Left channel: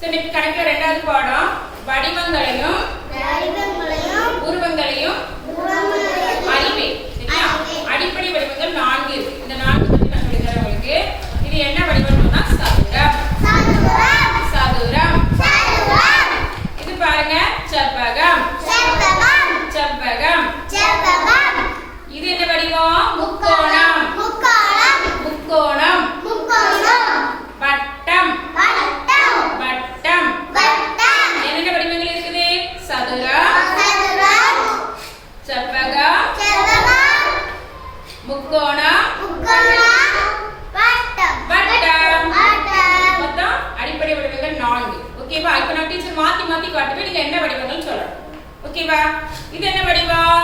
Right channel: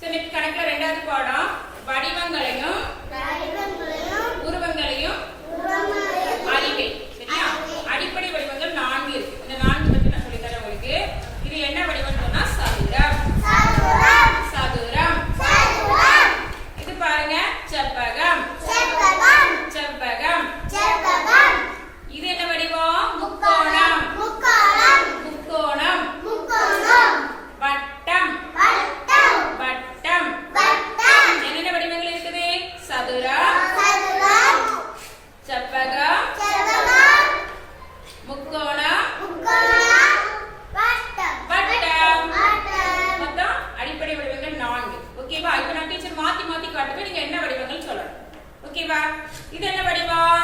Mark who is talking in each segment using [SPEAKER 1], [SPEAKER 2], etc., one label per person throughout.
[SPEAKER 1] So இன்னைக்கு கணக்குல ரெண்டாவது பாடம். வட்டம்.
[SPEAKER 2] வட்டம்.
[SPEAKER 1] வட்டம். மொத்தம் அடிப்படை வடிவங்கள் நான்கு. ஓகேவா இப்போ நான் டீச்சர் மாத்தி மாத்தி காட்டுவேன் நீங்க என்ன வடிவங்கள் சொல்லணும். ஓகேவா இது என்ன வடிவம்?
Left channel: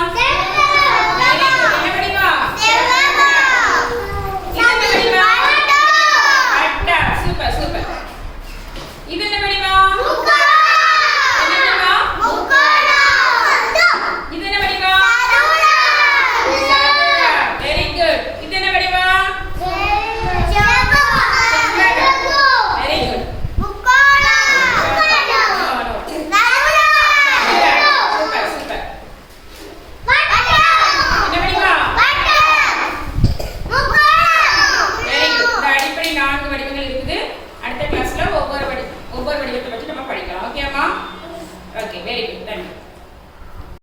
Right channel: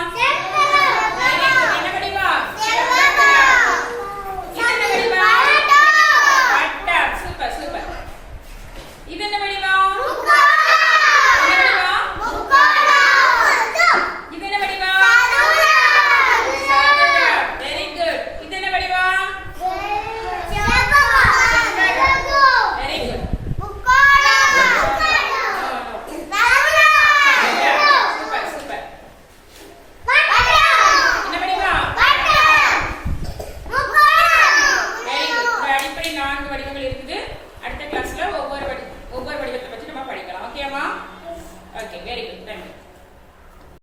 [SPEAKER 2] படிக்கப்பட்டது